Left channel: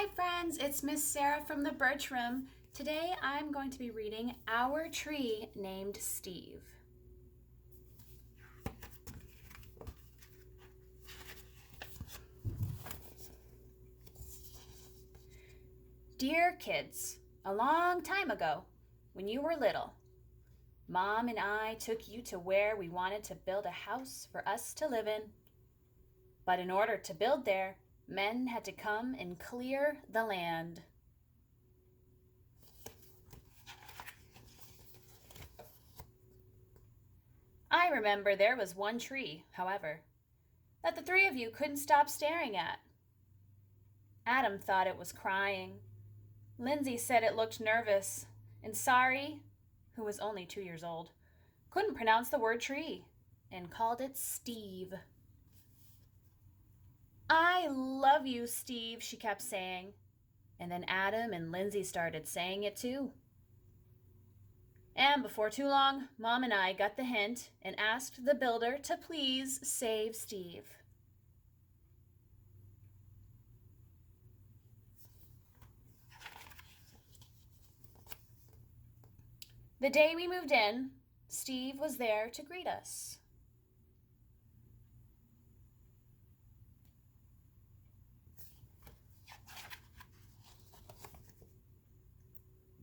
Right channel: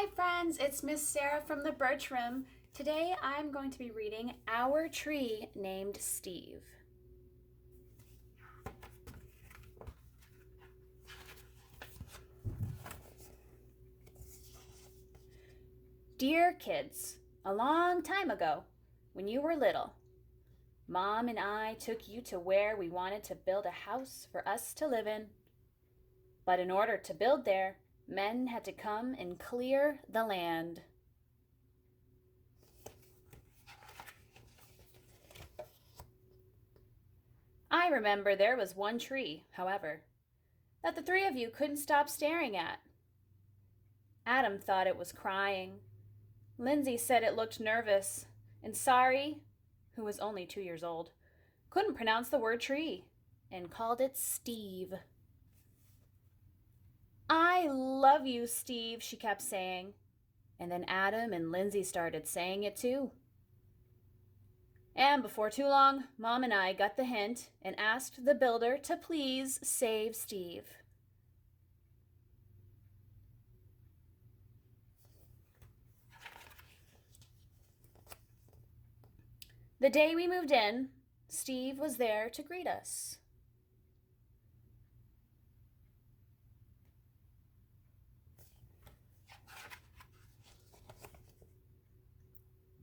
Hi friends, it's Miss Sarah from the Birch Room. Today I'm going to be reading Our Tree Named Steve. Dear kids, a long time ago, when you were little, Mom and I took you to where we wanted to build a house for us to live in. But in order to build there, men had to come and clear the land. I remember there was one tree, however, that the three of you couldn't stop staring at. Adam thought it was crying. Lindsay said it looked nervous. And Sari, who was only 2 years old, couldn't pronounce the word tree and called it Steve. I love you, Steve, she kept saying. And then Adam and Lindsay started saying it too. And before too long, Mom and I got the hint and asked the builder to please save Steve. The day we moved in, Steve was there to greet us.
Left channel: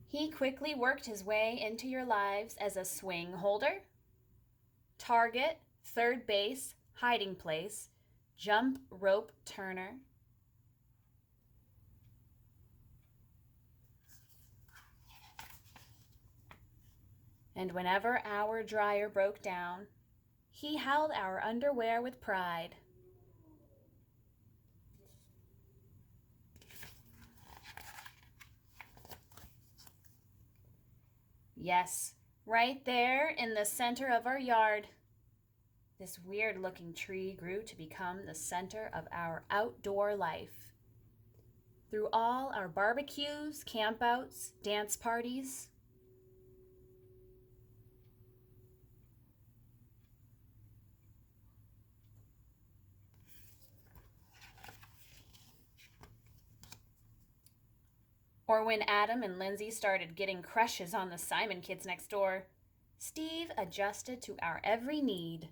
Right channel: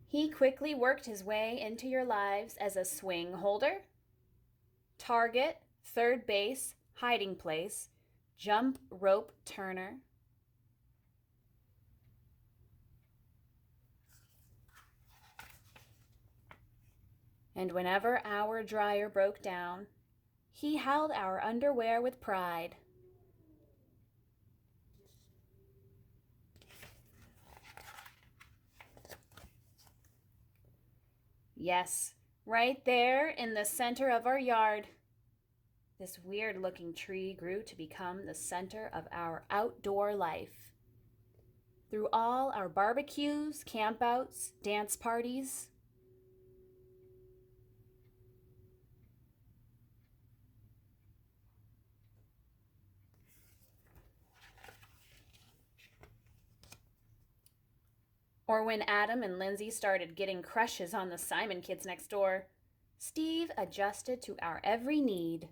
He quickly worked his way into your lives as a swing holder, target, third base, hiding place, jump rope turner. And whenever our dryer broke down, he held our underwear with pride. Yes, right there in the center of our yard, this weird-looking tree grew to become the center of our outdoor life. Through all our barbecues, campouts, dance parties, or when Adam and Lindsay started getting crushes on the Simon kids next door, Steve adjusted to our every need.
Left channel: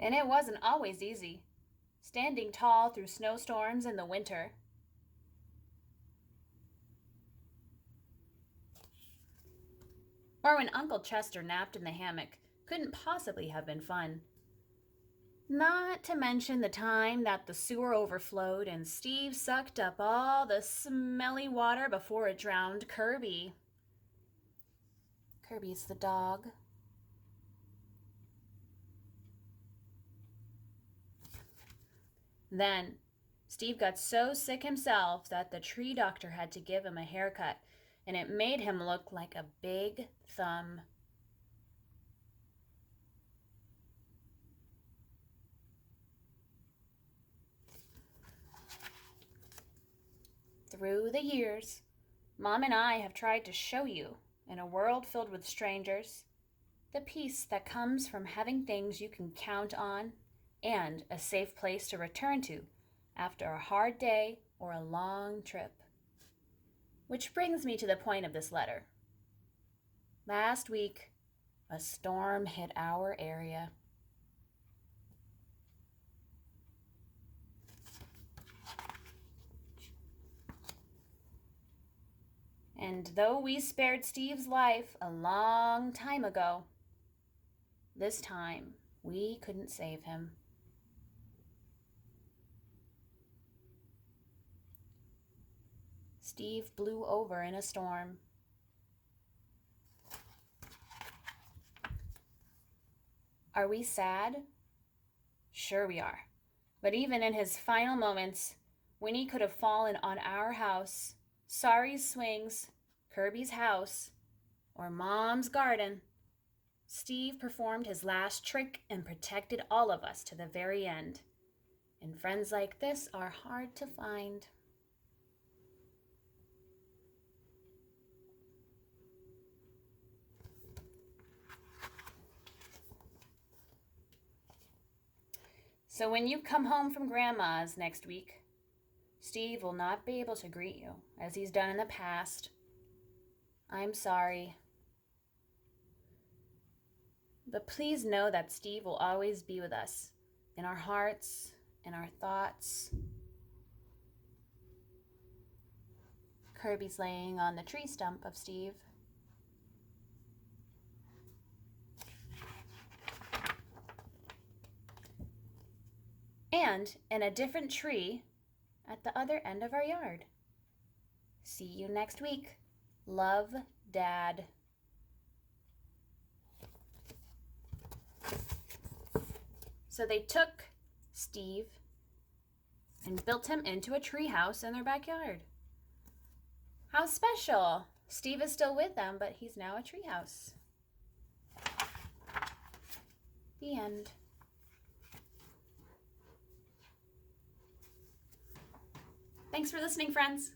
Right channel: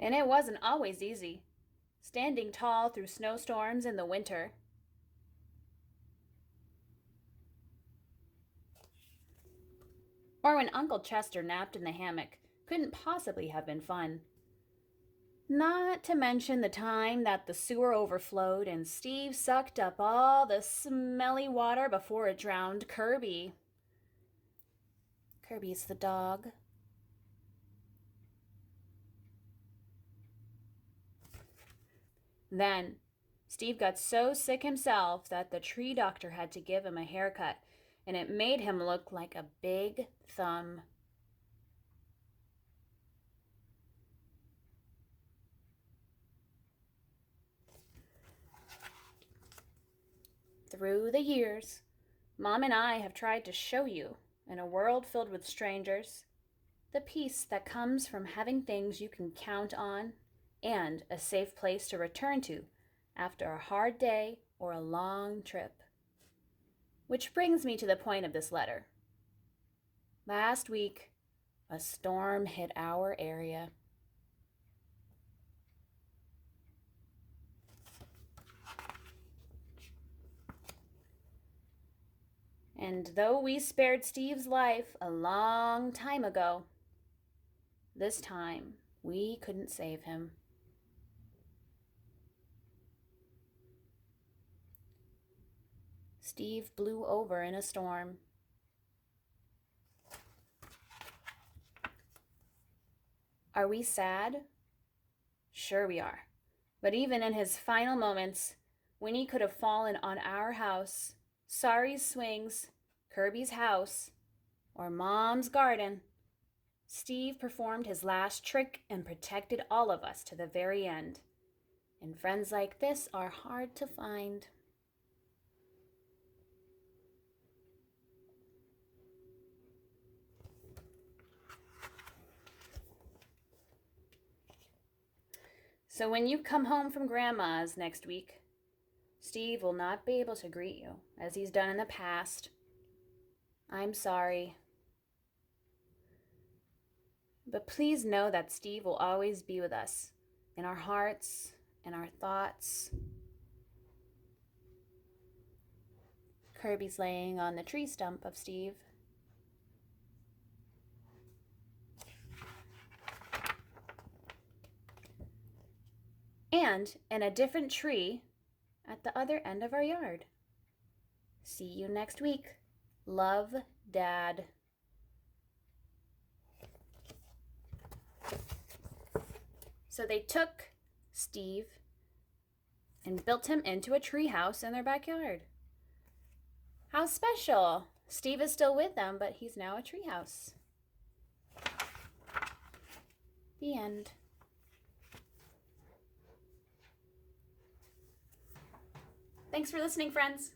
And it wasn't always easy, standing tall through snowstorms in the winter. Or when Uncle Chester napped in the hammock couldn't possibly have been fun. Not to mention the time that the sewer overflowed and Steve sucked up all the smelly water before it drowned Kirby. Kirby's the dog. Then, Steve got so sick himself that the tree doctor had to give him a haircut, and it made him look like a big thumb. Through the years, Mom and I have tried to show you, in a world filled with strangers, the peace that comes from having things you can count on and a safe place to return to after a hard day or a long trip. Which brings me to the point of this letter. Last week, a storm hit our area. And though we spared Steve's life a long time ago, this time we couldn't save him. Steve blew over in a storm. Are we sad? Sure we are. But even in his final moments, when he could have fallen on our house, Sari's swings, Kirby's house, or Mom's garden, Steve performed his last trick and protected all of us to the very end. And friends like this are hard to find. So when you come home from Grandma's next week, Steve will not be able to greet you as he's done in the past. I'm sorry. But please know that Steve will always be with us, in our hearts, in our thoughts. Kirby's laying on the tree stump of Steve. And in a different tree at the other end of our yard. See you next week. Love, Dad. So they took Steve and built him into a tree house in their backyard. How special! Steve is still with them, but he's now a tree house. The end. Thanks for listening, friends.